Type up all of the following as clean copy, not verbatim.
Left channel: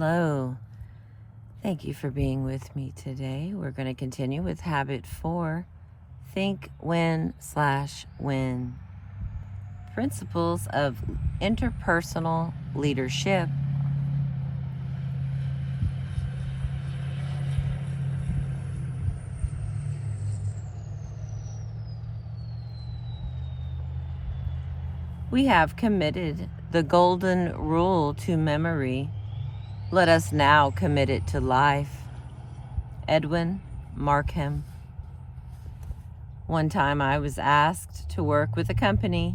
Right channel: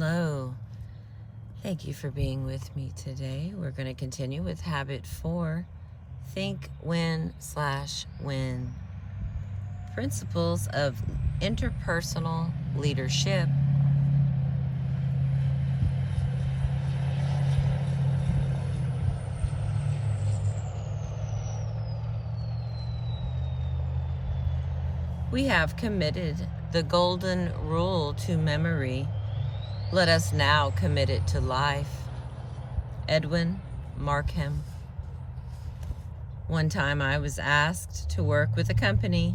Hello. Thank you for being with me today. We're going to continue with habit 4, think when/win. Principles of interpersonal leadership. We have committed the golden rule to memory. Let us now commit it to life. Edwin Markham. One time I was asked to work with a company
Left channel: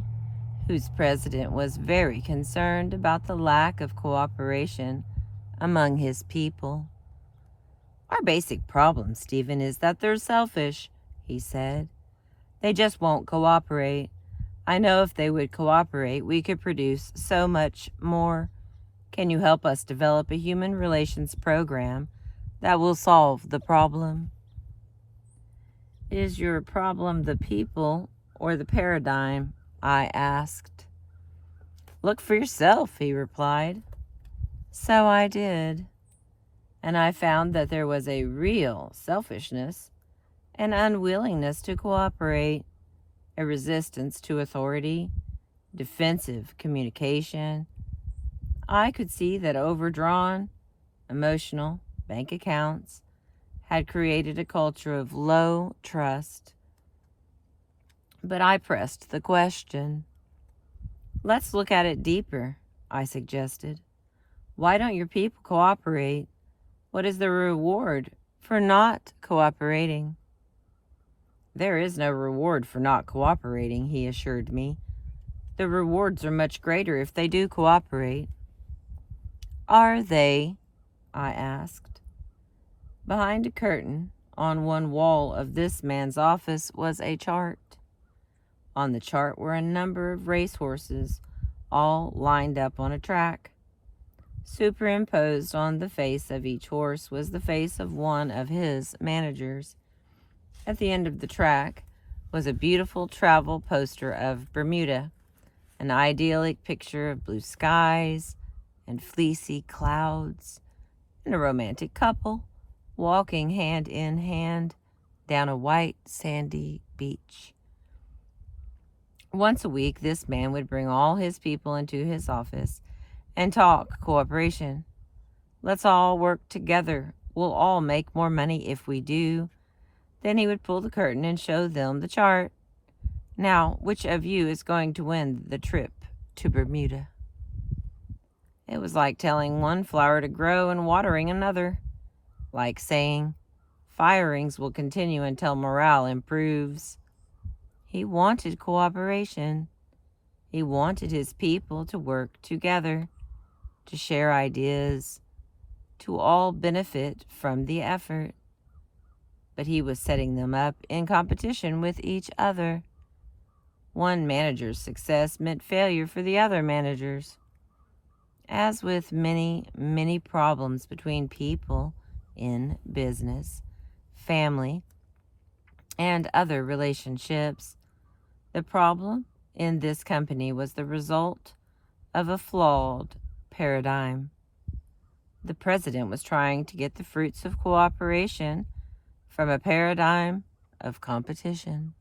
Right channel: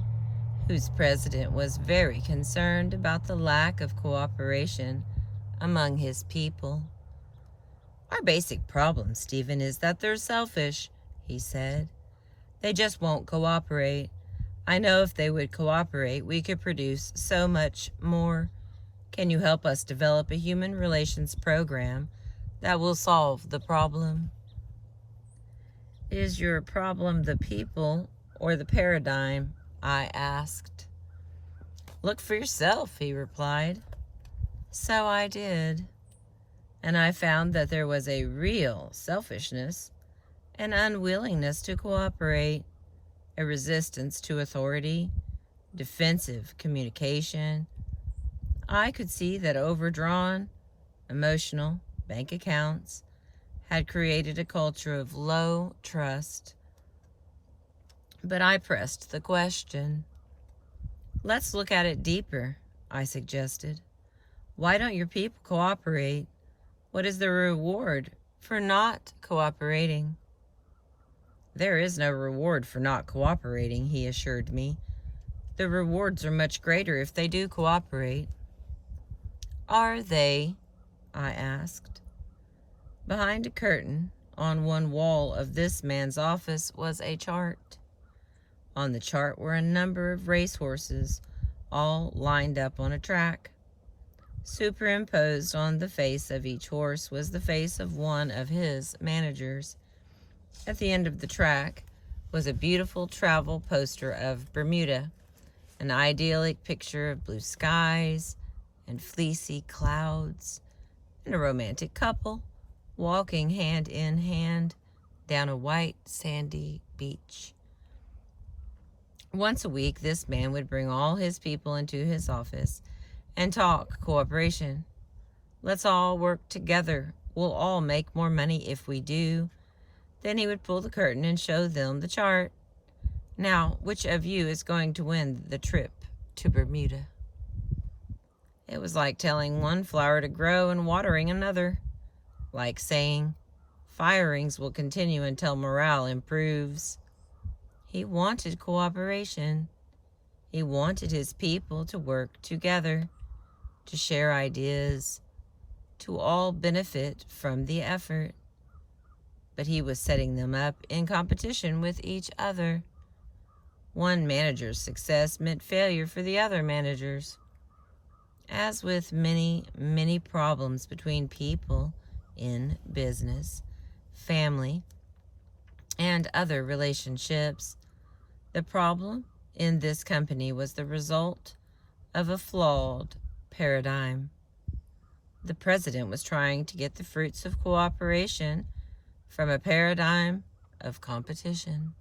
whose president was very concerned about the lack of cooperation among his people. Our basic problem, Stephen, is that they're selfish, he said. They just won't cooperate. I know if they would cooperate, we could produce so much more. Can you help us develop a human relations program that will solve the problem? Is your problem the people or the paradigm? I asked. Look for yourself, he replied. So I did. And I found that there was a real selfishness, an unwillingness to cooperate, a resistance to authority, defensive communication. I could see that overdrawn, emotional bank accounts had created a culture of low trust. But I pressed the question. Let's look at it deeper, I suggested. Why don't your people cooperate? What is the reward for not cooperating? There is no reward for not cooperating, he assured me. The rewards are much greater if they do cooperate. Are they? I asked. Behind a curtain on one wall of this man's office was a chart. On the chart were a number of racehorses, all lined up on a track. Superimposed on the face of each horse was the face of one of his managers. At the end of the track was a beautiful travel poster of Bermuda, an idyllic picture of blue skies and fleecy clouds, and a romantic couple walking hand in hand down a white sandy beach. Once a week, this man would bring all his people into his office and talk cooperation. Let's all work together. We'll all make more money if we do. Then he would pull the curtain and show them the chart. Now, which of you is going to win the trip to Bermuda? It was like telling one flower to grow and watering another. Like saying, firings will continue until morale improves. He wanted cooperation. He wanted his people to work together, to share ideas, to all benefit from the effort. But he was setting them up in competition with each other. One manager's success meant failure for the other managers. As with many, many problems between people in business, family, and other relationships, the problem in this company was the result of a flawed paradigm. The president was trying to get the fruits of cooperation from a paradigm of competition.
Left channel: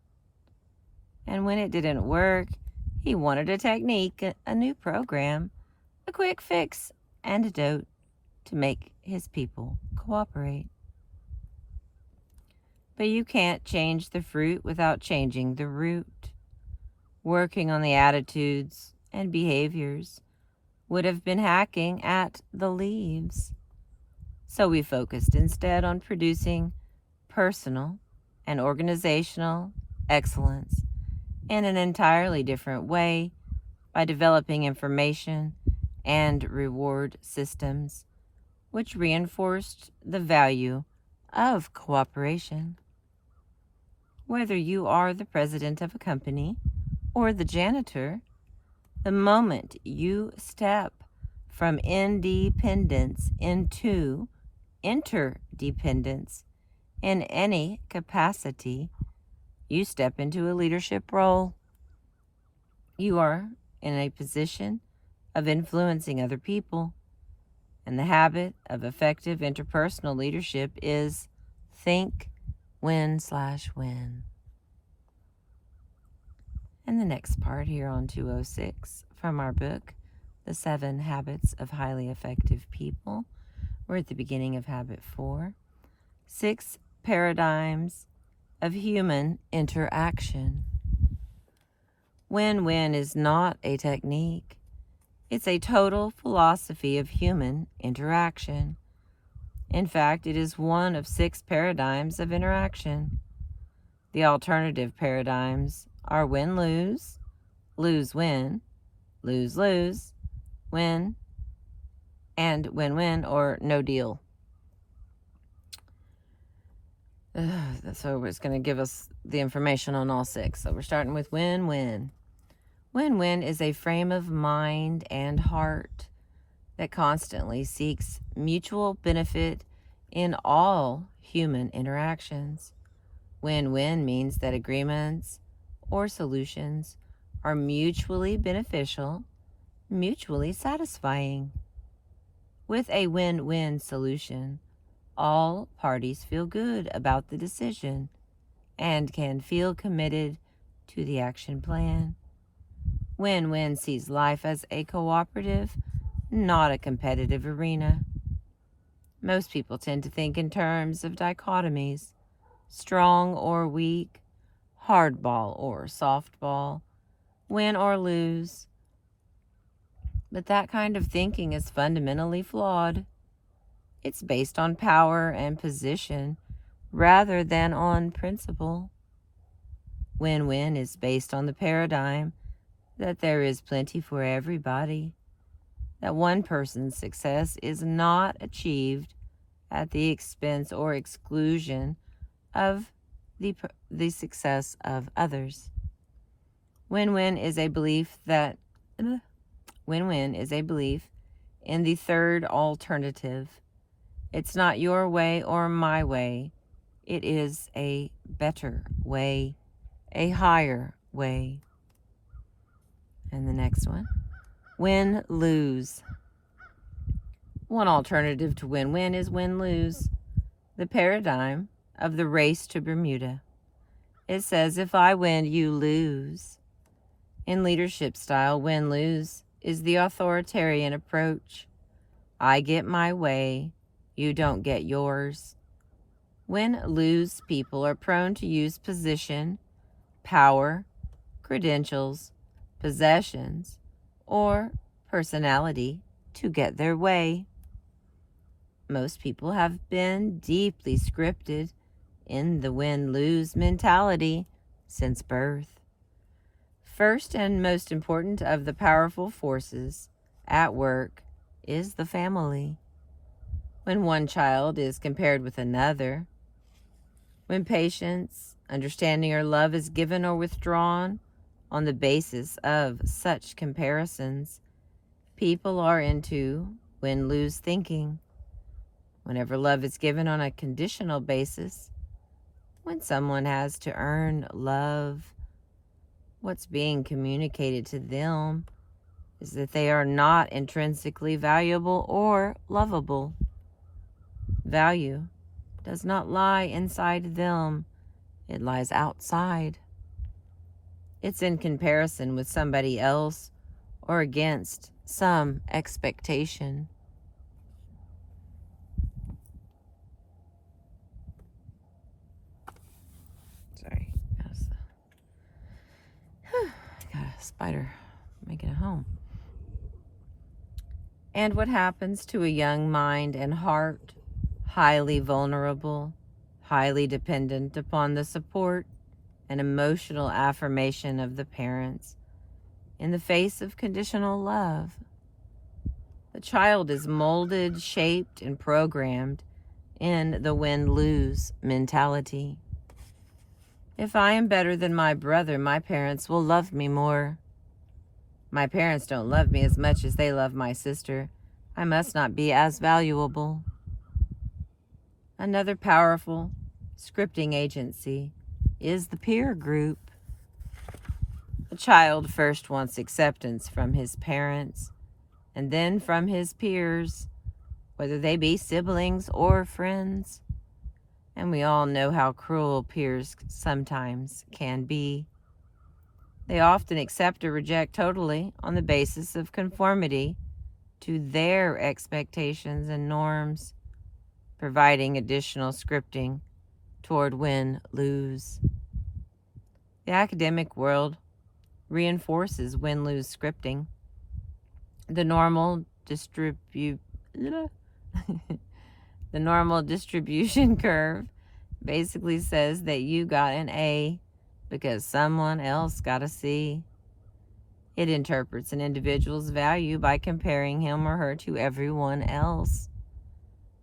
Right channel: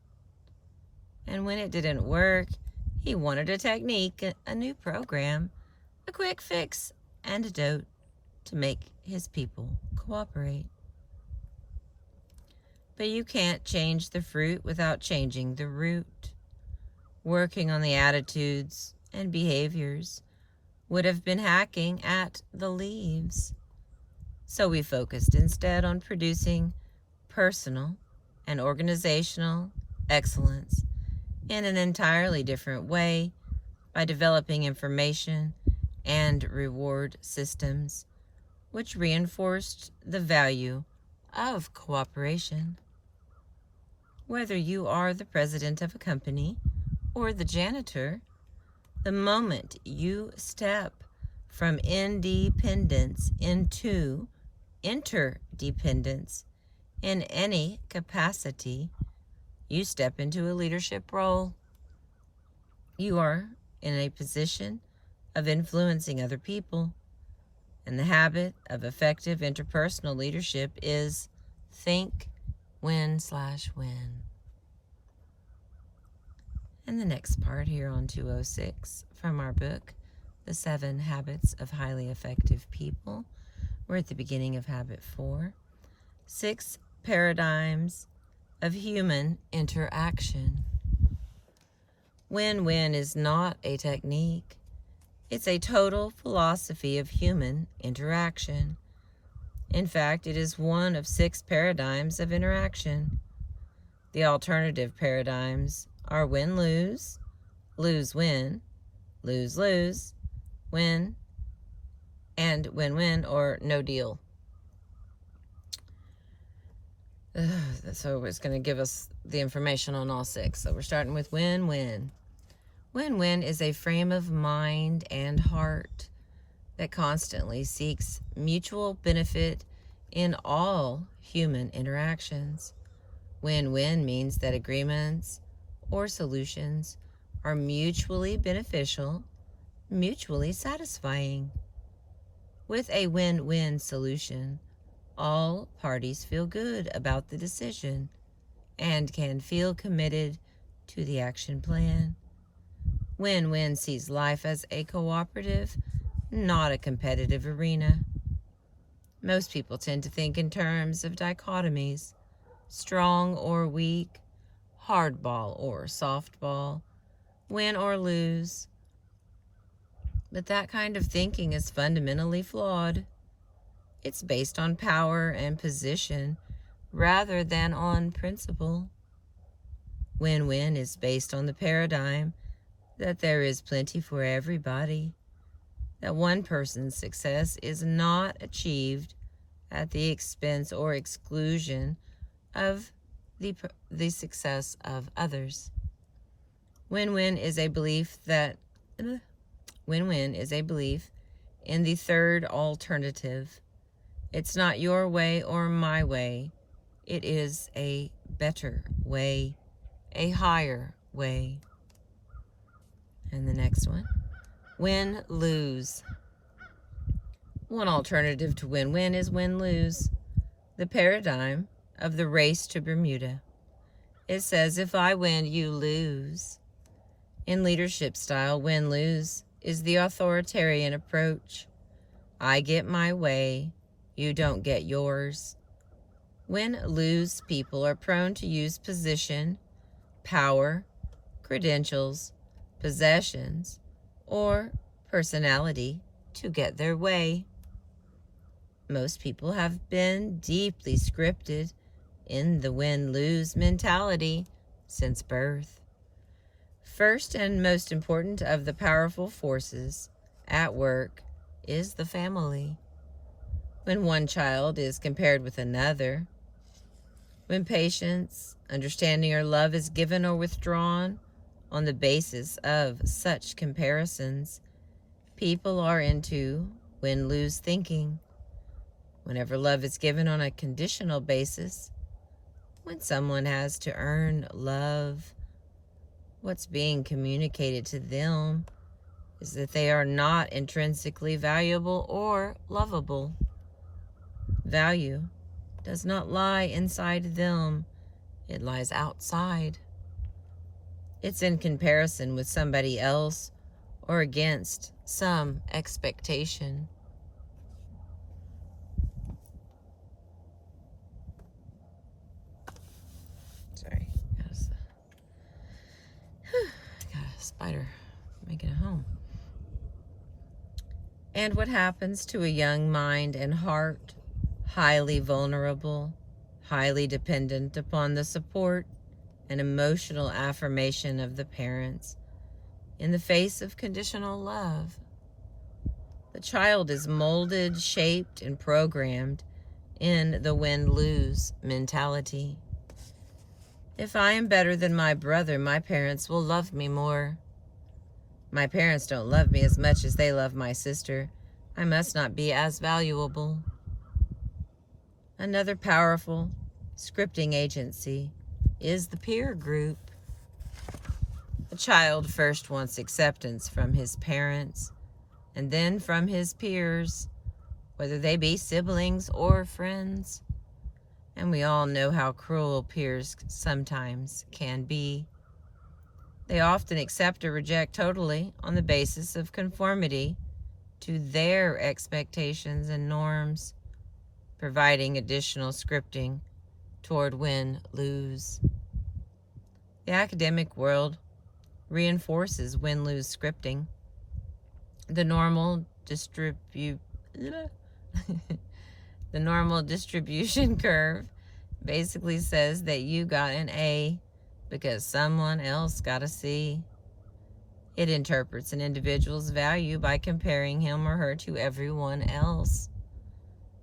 And when it didn't work, he wanted a technique, a new program, a quick fix antidote to make his people cooperate. But you can't change the fruit without changing the root. Working on the attitudes and behaviors would have been hacking at the leaves. So we focused instead on producing personal and organizational excellence in an entirely different way by developing information and reward systems which reinforced the value of cooperation. Whether you are the president of a company or the janitor, the moment you step from independence into interdependence in any capacity, you step into a leadership role. You are in a position of influencing other people, And the habit of effective interpersonal leadership is think, win/win. And the next part here on 206 from our book, The 7 Habits of Highly Effective People. We're at the beginning of habit 4. 6 paradigms of human interaction. Win-win is not a technique. It's a total philosophy of human interaction. In fact, it is one of 6 paradigms of interaction. The alternative paradigms are win-lose, lose-win, lose-lose, win, and win-win or no deal. So it's going to give us the information on all 6. So we're starting with win-win. Win-win is a frame of mind and heart that constantly seeks mutual benefit in all human interactions. Win-win means that agreements or solutions are mutually beneficial, mutually satisfying. With a win-win solution, all parties feel good about the decision and can feel committed to the action plan. Win-win sees life as a cooperative, not a competitive arena. Most people tend to think in terms of dichotomies, strong or weak, hardball or softball, win or lose. But that kind of thinking is fundamentally flawed. It's based on power and position rather than on principle. Win-win is based on the paradigm that there is plenty for everybody, that one person's success is not achieved at the expense or exclusion of the success of others. Win-win is a belief in the third alternative. It's not your way or my way. It is a better way, a higher way. And the next one, win-lose. One alternative to win-win is win-lose, the paradigm of the race to Bermuda. It says, if I win, you lose. In leadership style, win-lose is the authoritarian approach. I get my way, you don't get yours. Win-lose people are prone to use position, power, credentials, possessions, or personality to get their way. Most people have been deeply scripted in the win-lose mentality since birth. First and most important of the powerful forces at work is the family. When one child is compared with another, when patience, understanding, or love is given or withdrawn on the basis of such comparisons, people are into win-lose thinking. Whenever love is given on a conditional basis, when someone has to earn love, what's being communicated to them is that they are not intrinsically valuable or lovable. Value does not lie inside them, it lies outside. It's in comparison with somebody else or against some expectation. Sorry, got a spider making a home. And what happens to a young mind and heart, highly vulnerable, highly dependent upon the support and emotional affirmation of the parents in the face of conditional love? The child is molded, shaped, and programmed in the win-lose mentality. If I am better than my brother, my parents will love me more. My parents don't love me as much as they love my sister. I must not be as valuable. Another powerful scripting agency is the peer group. The child first wants acceptance from his parents and then from his peers. whether they be siblings or friends. And we all know how cruel peers sometimes can be. They often accept or reject totally on the basis of conformity to their expectations and norms, providing additional scripting toward win-lose. The academic world reinforces win-lose scripting. The normal distribution curve basically says that you got an A because someone else got a C. It interprets an individual's value by comparing him or her to everyone else.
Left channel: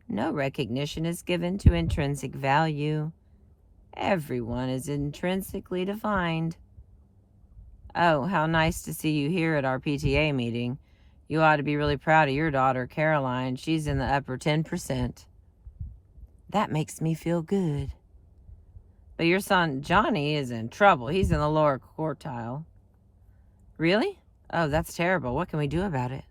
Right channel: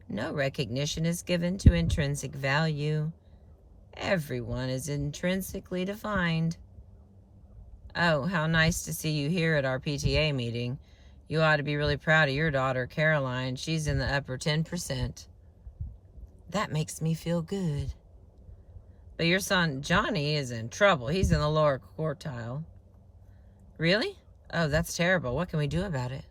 No recognition is given to intrinsic value. Everyone is intrinsically defined. Oh, how nice to see you here at our PTA meeting. You ought to be really proud of your daughter, Caroline. She's in the upper 10%. That makes me feel good. But your son, Johnny, is in trouble. He's in the lower quartile. Really? Oh, that's terrible. What can we do about it?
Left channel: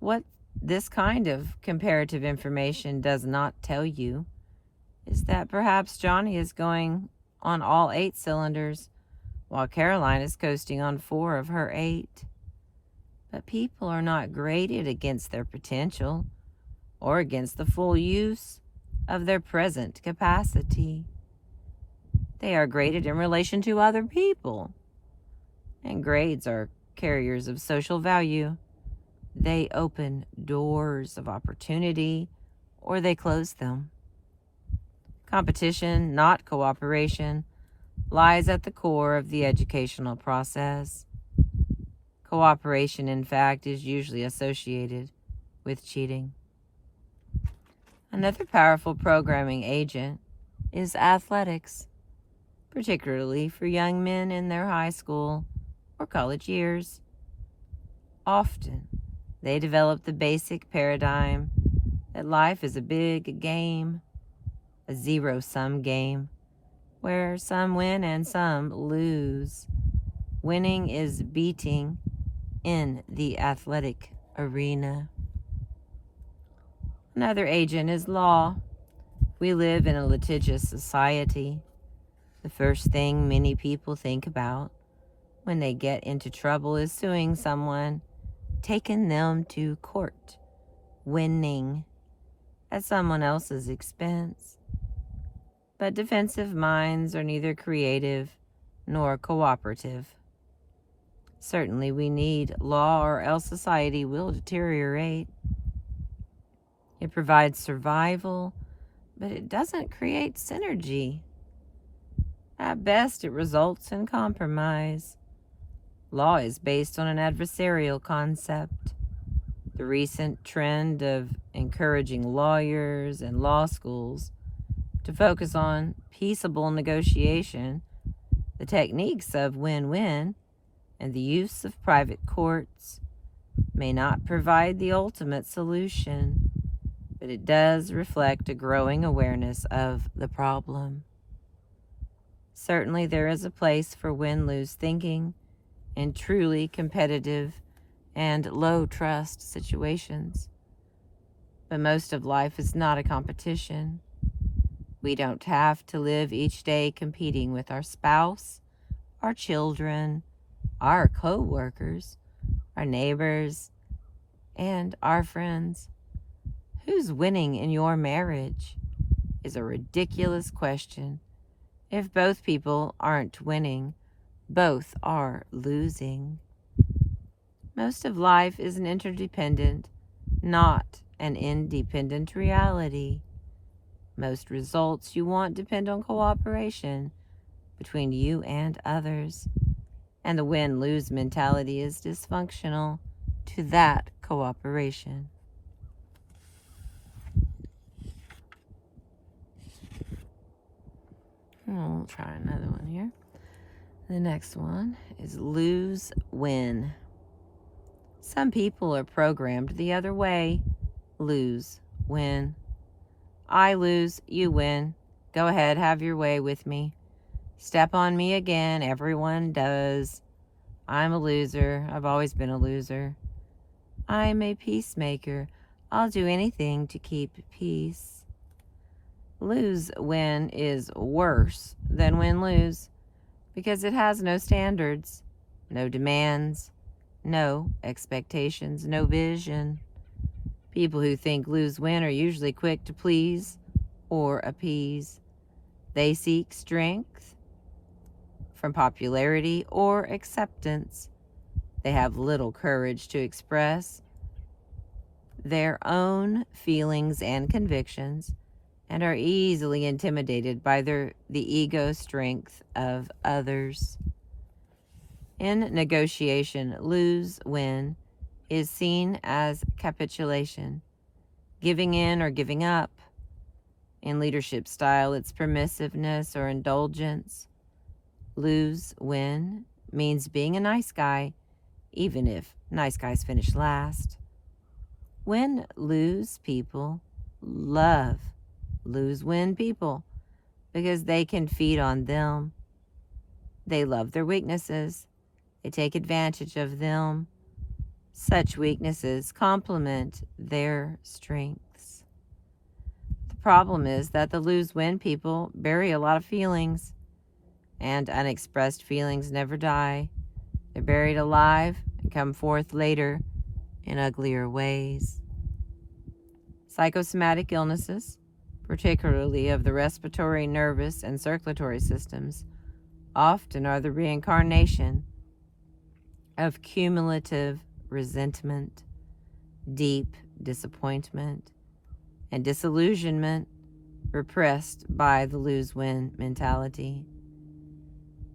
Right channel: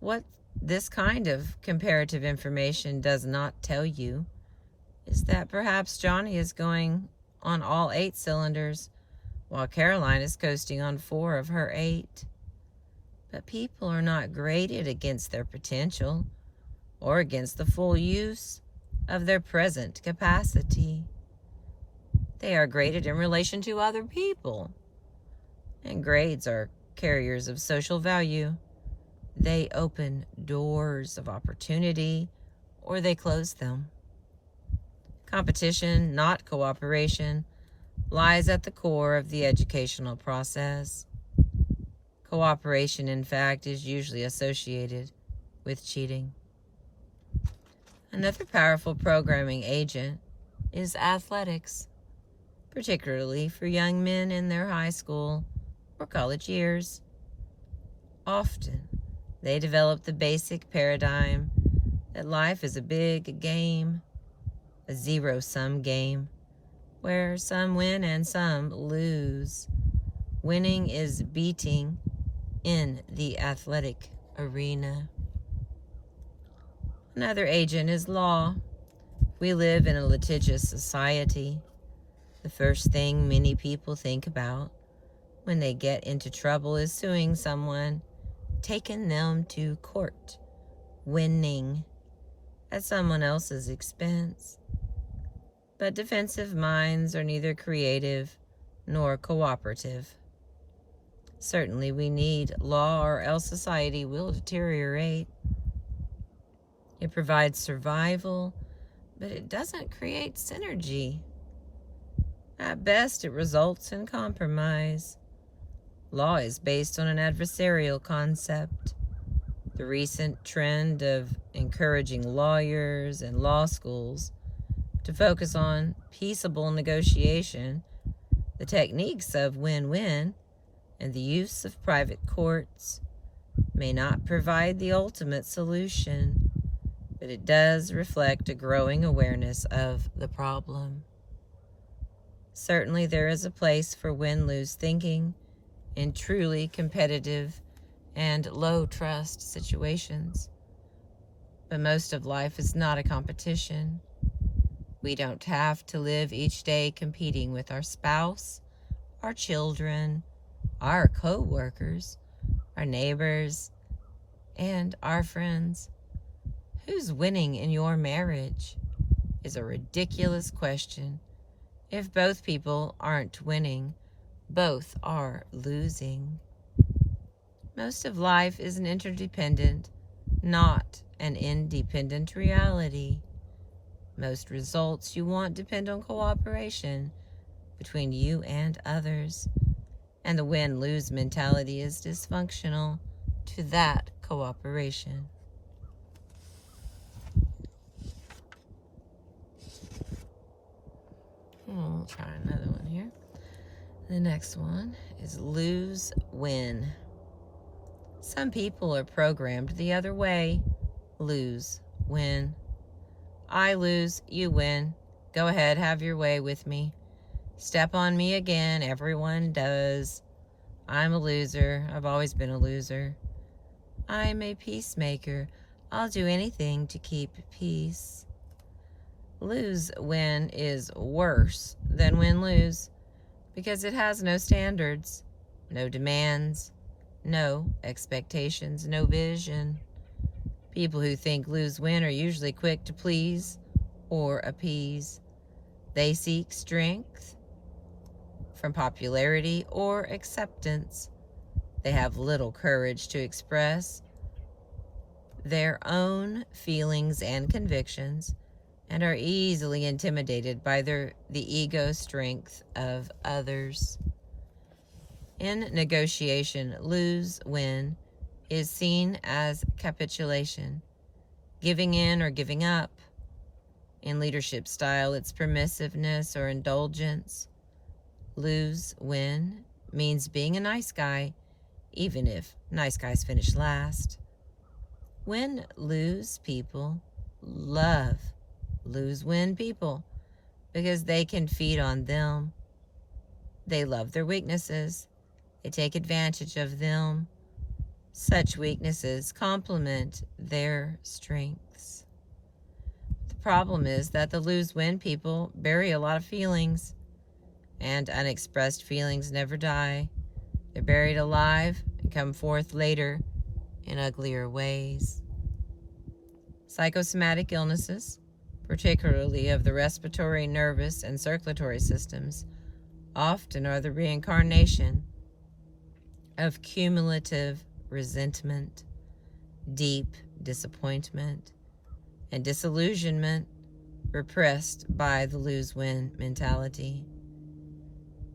What this kind of comparative information does not tell you is that perhaps Johnny is going on all 8 cylinders while Caroline is coasting on 4 of her 8. But people are not graded against their potential or against the full use of their present capacity. They are graded in relation to other people. And grades are carriers of social value. They open doors of opportunity or they close them. Competition, not cooperation, lies at the core of the educational process. Cooperation, in fact, is usually associated with cheating. Another powerful programming agent is athletics, particularly for young men in their high school or college years. Often, they develop the basic paradigm that life is a big game, a zero-sum game, where some win and some lose. Winning is beating in the athletic arena. Another agent is law. We live in a litigious society. The first thing many people think about when they get into trouble is suing someone, taking them to court, winning at someone else's expense. But defensive minds are neither creative nor cooperative. Certainly we need law or else society will deteriorate. It provides survival, but it doesn't create synergy. At best, it results in compromise. Law is based on an adversarial concept. The recent trend of encouraging lawyers and law schools to focus on peaceable negotiation, the techniques of win-win, and the use of private courts may not provide the ultimate solution, but it does reflect a growing awareness of the problem. Certainly there is a place for win-lose thinking in truly competitive and low-trust situations. But most of life is not a competition. We don't have to live each day competing with our spouse, our children, our co-workers, our neighbors, and our friends. Who's winning in your marriage is a ridiculous question. If both people aren't winning, both are losing. Most of life is an interdependent, not an independent reality. Most results you want depend on cooperation between you and others, and the win-lose mentality is dysfunctional to that cooperation. I'll try another one here. The next one is lose-win. Some people are programmed the other way. Lose, win. I lose, you win. Go ahead, have your way with me. Step on me again, everyone does. I'm a loser. I've always been a loser. I'm a peacemaker. I'll do anything to keep peace. Lose-win is worse than win-lose because it has no standards, no demands, no expectations, no vision. People who think lose-win are usually quick to please or appease. They seek strength from popularity or acceptance. They have little courage to express their own feelings and convictions and are easily intimidated by the ego strength of others. In negotiation, lose-win is seen as capitulation, giving in or giving up. In leadership style, it's permissiveness or indulgence. Lose-win means being a nice guy, even if nice guys finish last. Win-lose people love lose-win people because they can feed on them. They love their weaknesses. They take advantage of them. Such weaknesses complement their strengths. The problem is that the lose-win people bury a lot of feelings, and unexpressed feelings never die. They're buried alive and come forth later in uglier ways. Psychosomatic illnesses, particularly of the respiratory, nervous, and circulatory systems, often are the reincarnation of cumulative resentment, deep disappointment, and disillusionment repressed by the lose-win mentality.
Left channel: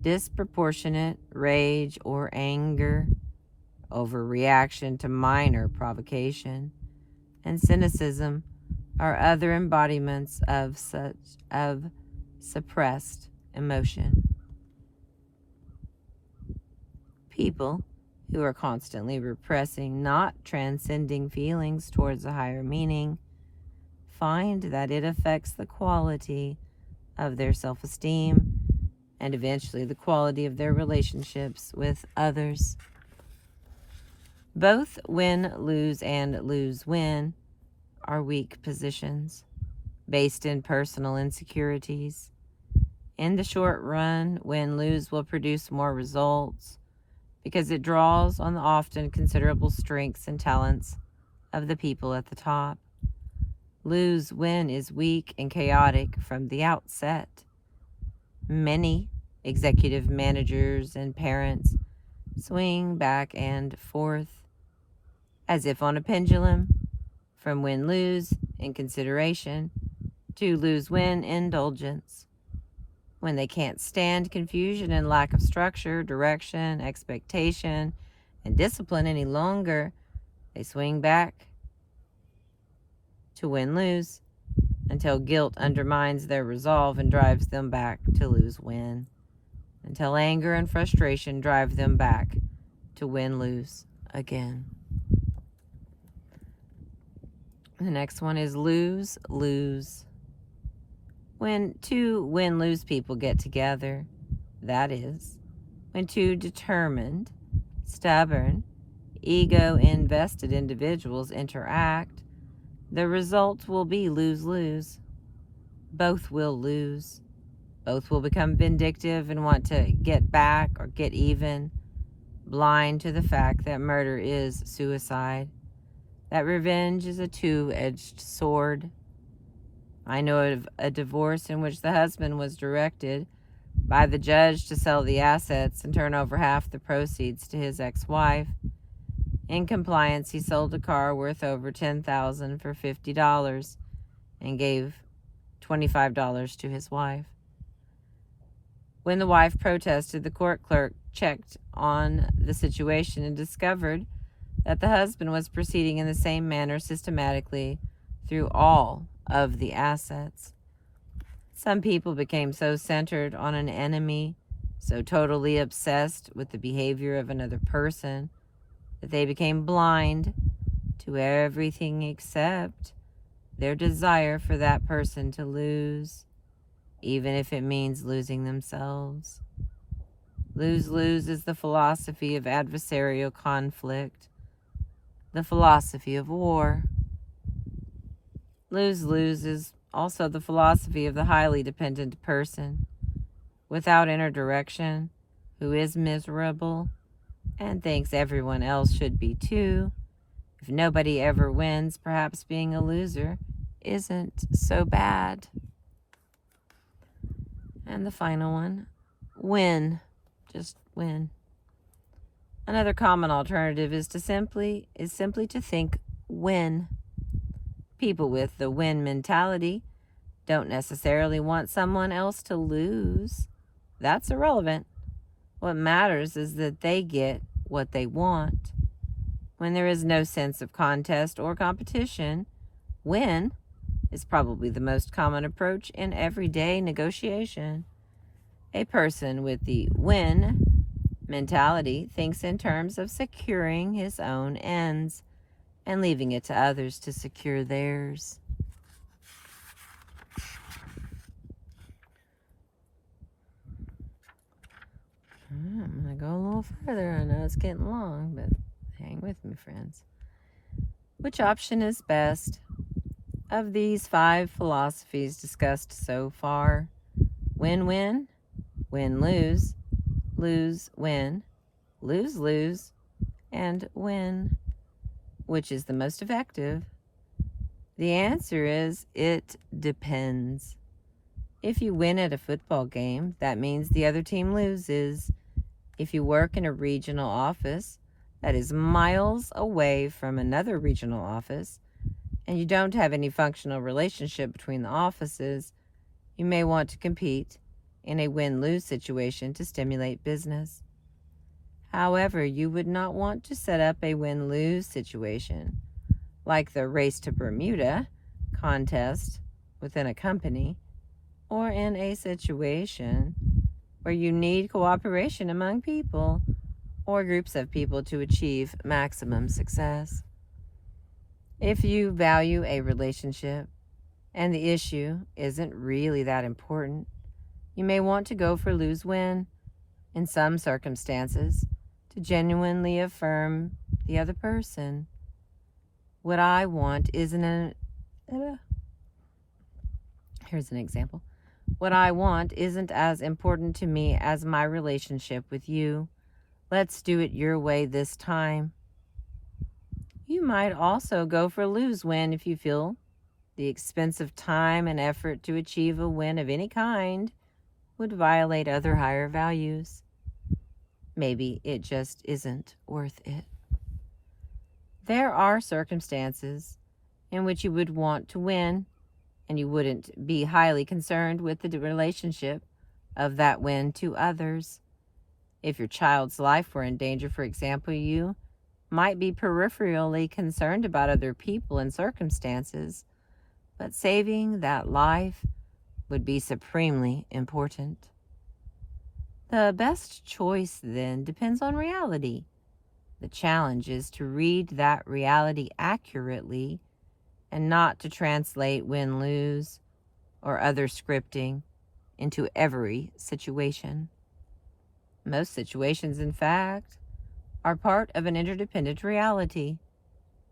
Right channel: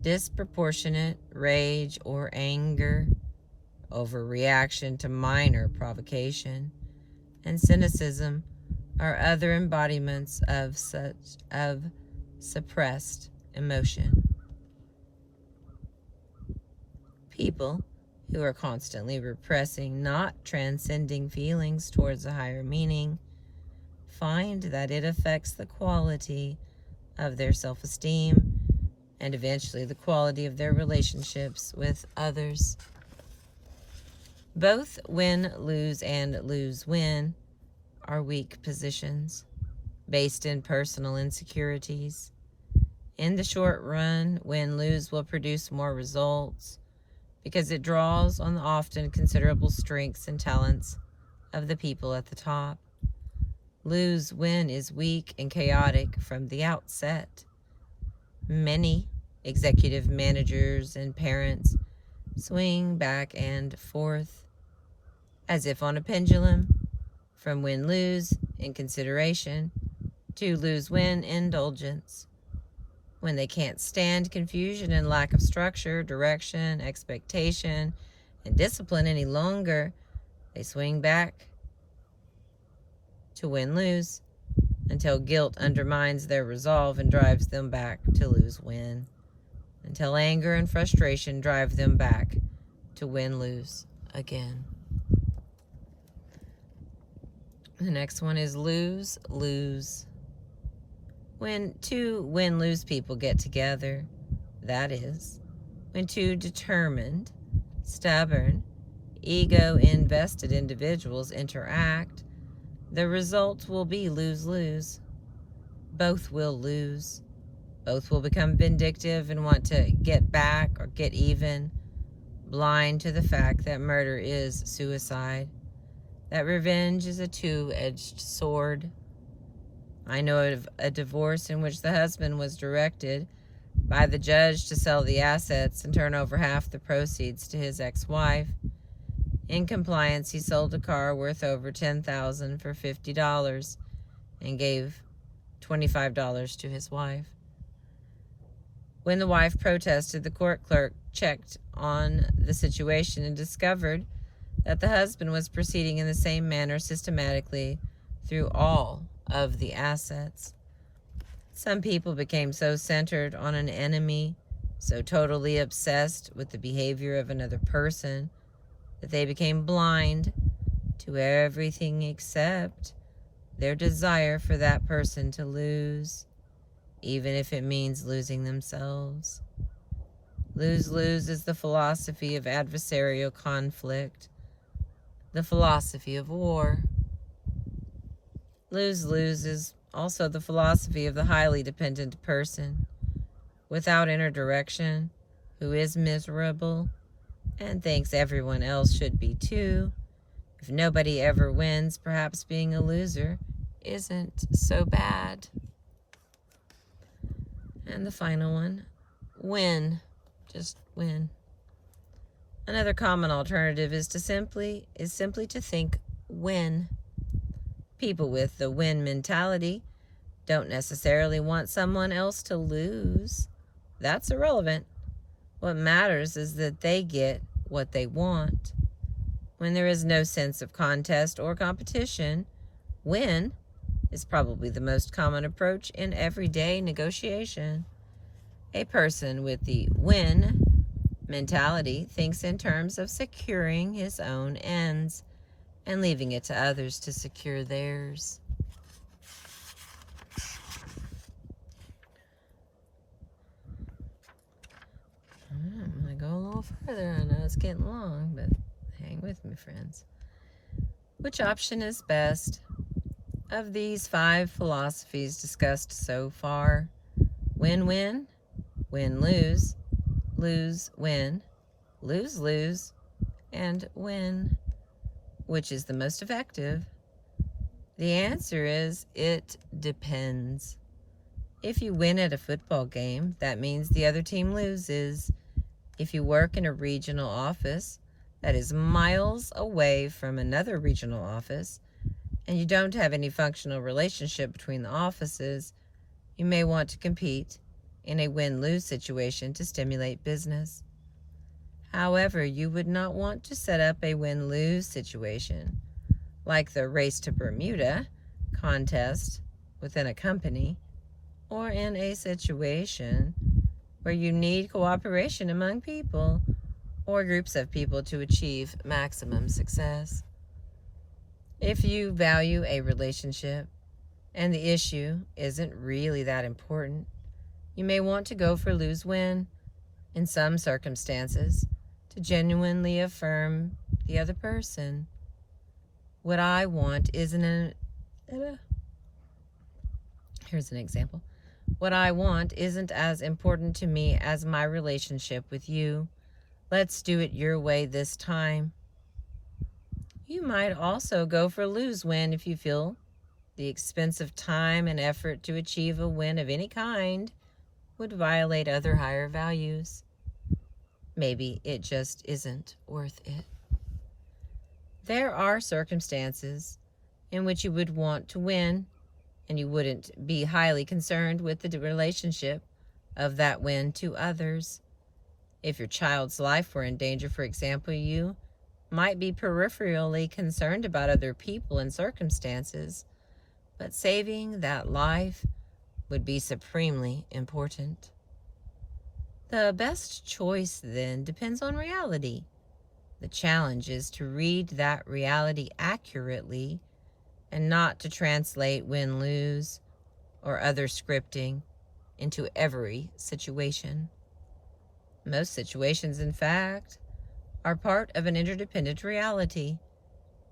Disproportionate rage or anger, overreaction to minor provocation, and cynicism are other embodiments of suppressed emotion. People who are constantly repressing, not transcending feelings towards a higher meaning, find that it affects the quality of their self-esteem and eventually the quality of their relationships with others. Both win-lose and lose-win are weak positions based in personal insecurities. In the short run, win-lose will produce more results because it draws on the often considerable strengths and talents of the people at the top. Lose-win is weak and chaotic from the outset. Many executive managers and parents swing back and forth as if on a pendulum from win-lose in consideration to lose-win indulgence. When they can't stand confusion and lack of structure, direction, expectation, and discipline any longer, they swing back to win-lose until guilt undermines their resolve and drives them back to lose-win, until anger and frustration drive them back to win-lose again. The next one is lose-lose. When two win-lose people get together, that is, when two determined, stubborn, ego-invested individuals interact, the result will be lose-lose. Both will lose. Both will become vindictive and want to get back or get even, blind to the fact that murder is suicide, that revenge is a two-edged sword. I know of a divorce in which the husband was directed by the judge to sell the assets and turn over half the proceeds to his ex-wife. In compliance, he sold a car worth over $10,000 for $50 and gave $25 to his wife. When the wife protested, the court clerk checked on the situation and discovered that the husband was proceeding in the same manner systematically through all of the assets. Some people became so centered on an enemy, so totally obsessed with the behavior of another person, that they became blind to everything except their desire for that person to lose, even if it means losing themselves. Lose-lose is the philosophy of adversarial conflict, the philosophy of war. Lose-lose is also the philosophy of the highly dependent person, without inner direction, who is miserable and thinks everyone else should be too. If nobody ever wins, perhaps being a loser isn't so bad. And the final one, win. Just win. Another common alternative is simply to think win. People with the win mentality don't necessarily want someone else to lose. That's irrelevant. What matters is that they get what they want. When there is no sense of contest or competition, win is probably the most common approach in everyday negotiation. A person with the win mentality thinks in terms of securing his own ends and leaving it to others to secure theirs. I'm going to go a little further. I know it's getting long, but hang with me, friends. Which option is best? Of these 5 philosophies discussed so far, win-win, win-lose, lose-win, lose-lose, and win. Which is the most effective? The answer is it depends. If you win at a football game, that means the other team loses. If you work in a regional office that is miles away from another regional office, and you don't have any functional relationship between the offices, you may want to compete in a win-lose situation to stimulate business. However, you would not want to set up a win-lose situation, like the Race to Bermuda contest within a company, or in a situation where you need cooperation among people or groups of people to achieve maximum success. If you value a relationship and the issue isn't really that important, you may want to go for lose-win in some circumstances to genuinely affirm the other person. What I want isn't here's an example. What I want isn't as important to me as my relationship with you. Let's do it your way this time. You might also go for lose-win if you feel the expensive time and effort to achieve a win of any kind would violate other higher values. Maybe it just isn't worth it. There are circumstances in which you would want to win, and you wouldn't be highly concerned with the relationship of that win to others. If your child's life were in danger, for example, you might be peripherally concerned about other people and circumstances, but saving that life would be supremely important. The best choice, then, depends on reality. The challenge is to read that reality accurately and not to translate win-lose or other scripting into every situation. Most situations, in fact, are part of an interdependent reality,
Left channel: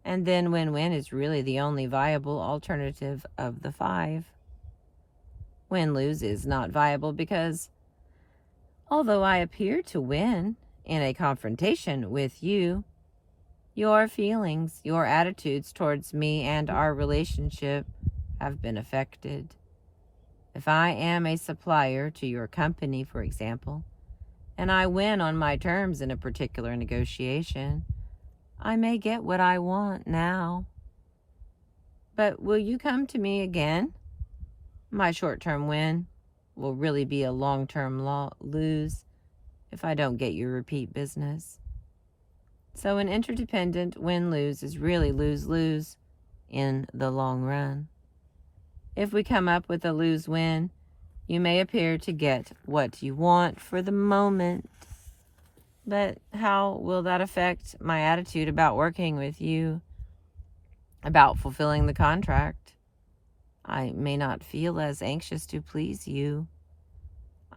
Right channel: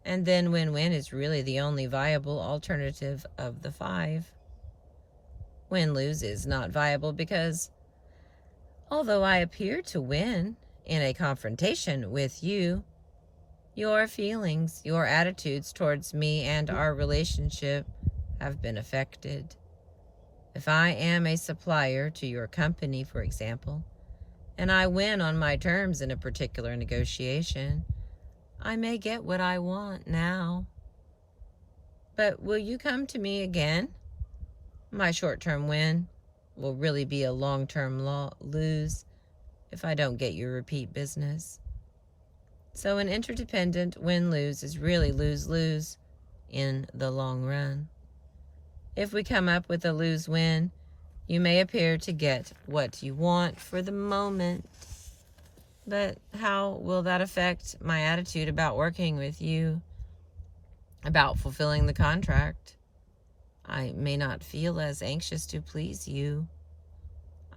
and then win-win is really the only viable alternative of the 5. Win-lose is not viable because, although I appear to win in a confrontation with you, your feelings, your attitudes towards me and our relationship have been affected. If I am a supplier to your company, for example, and I win on my terms in a particular negotiation, I may get what I want now. But will you come to me again? My short-term win will really be a long-term lose if I don't get your repeat business. So an interdependent win-lose is really lose-lose in the long run. If we come up with a lose-win, you may appear to get what you want for the moment. But how will that affect my attitude about working with you, about fulfilling the contract? I may not feel as anxious to please you.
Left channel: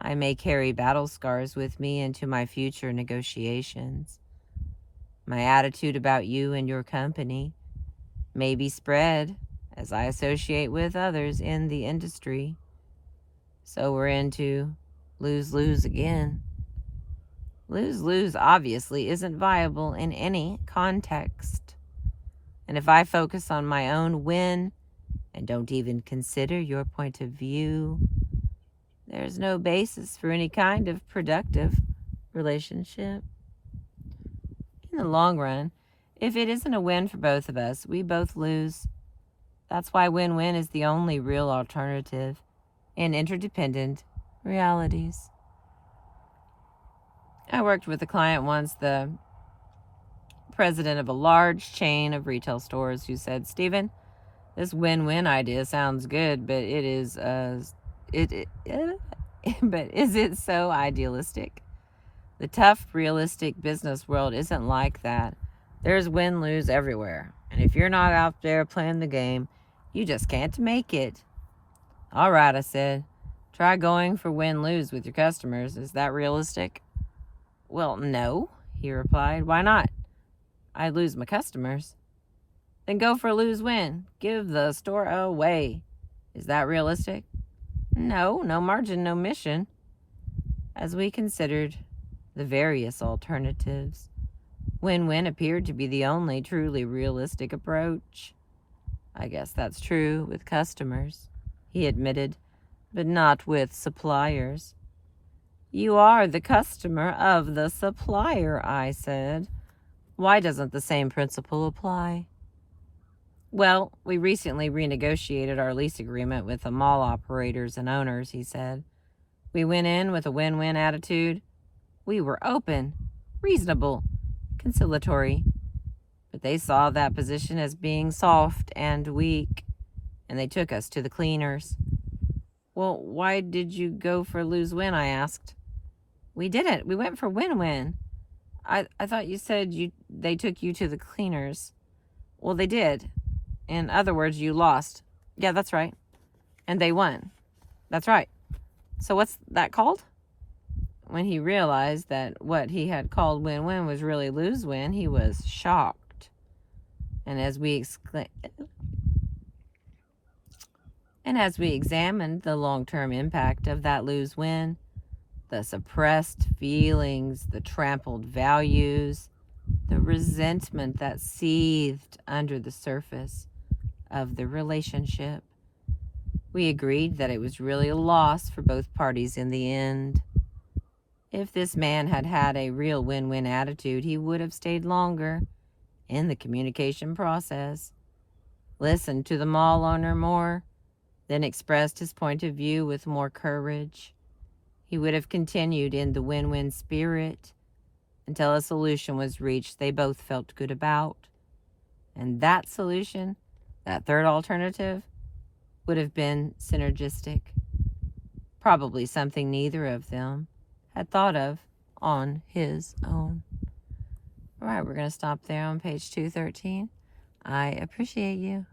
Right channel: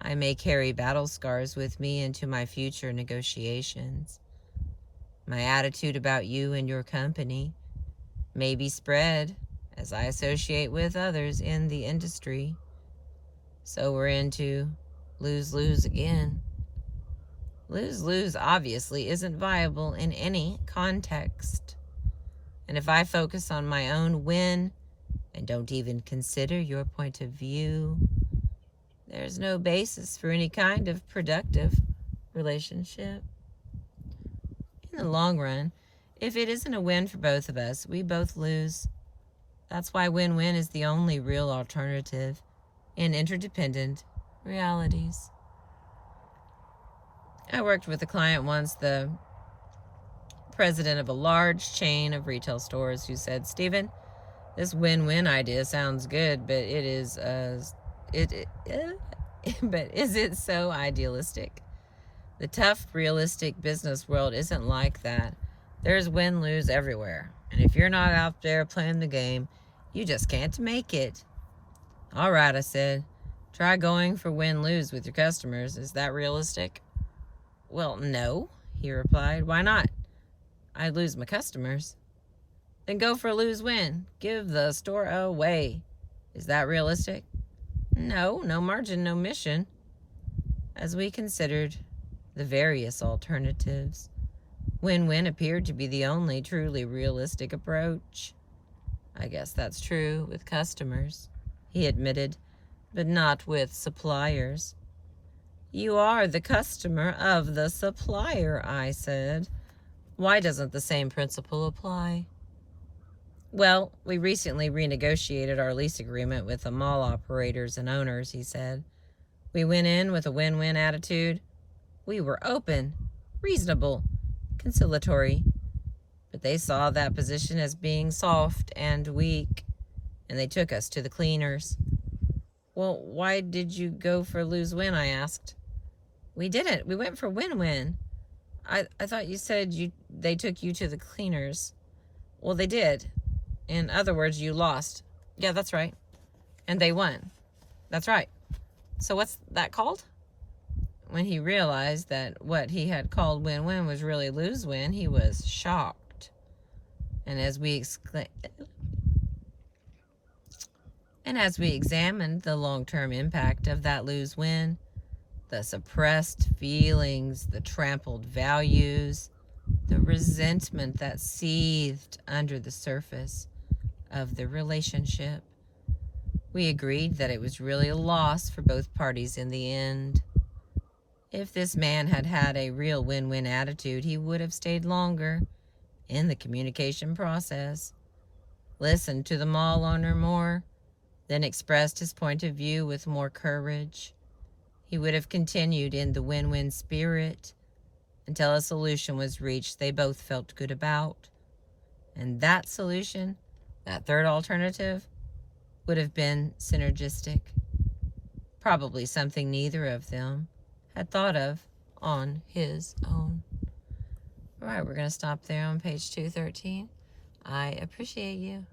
I may carry battle scars with me into my future negotiations. My attitude about you and your company may be spread as I associate with others in the industry. So we're into lose-lose again. Lose-lose obviously isn't viable in any context. And if I focus on my own win and don't even consider your point of view, there's no basis for any kind of productive relationship. In the long run, if it isn't a win for both of us, we both lose. That's why win-win is the only real alternative in interdependent realities. I worked with a client once, the president of a large chain of retail stores, who said, "Stephen, this win-win idea sounds good, but but is it so idealistic? The tough, realistic business world isn't like that. There's win-lose everywhere. And if you're not out there playing the game, you just can't make it." "All right," I said. "Try going for win-lose with your customers. Is that realistic?" "Well, no," he replied. "Why not?" "I'd lose my customers." "Then go for lose-win. Give the store away. Is that realistic?" "No, no margin, no mission." As we considered the various alternatives, win-win appeared to be the only truly realistic approach. "I guess that's true with customers," he admitted, "but not with suppliers." "You are the customer of the supplier," I said. "Why doesn't the same principle apply?" "Well, we recently renegotiated our lease agreement with the mall operators and owners," he said. "We went in with a win-win attitude. We were open, reasonable, conciliatory, but they saw that position as being soft and weak, and they took us to the cleaners." "Well, why did you go for lose-win?" I asked. "We didn't. We went for win-win." I thought you said they took you to the cleaners." "Well, they did. In other words, you lost." "Yeah, that's right." "And they won." "That's right." "So what's that called?" When he realized that what he had called win-win was really lose-win, he was shocked. And as we examined the long-term impact of that lose-win, the suppressed feelings, the trampled values, the resentment that seethed under the surface of the relationship, we agreed that it was really a loss for both parties in the end. If this man had had a real win-win attitude, he would have stayed longer in the communication process, listened to the mall owner more, then expressed his point of view with more courage. He would have continued in the win-win spirit until a solution was reached they both felt good about. And that solution, that third alternative, would have been synergistic. Probably something neither of them had thought of on his own. All right, we're going to stop there on page 213. I appreciate you.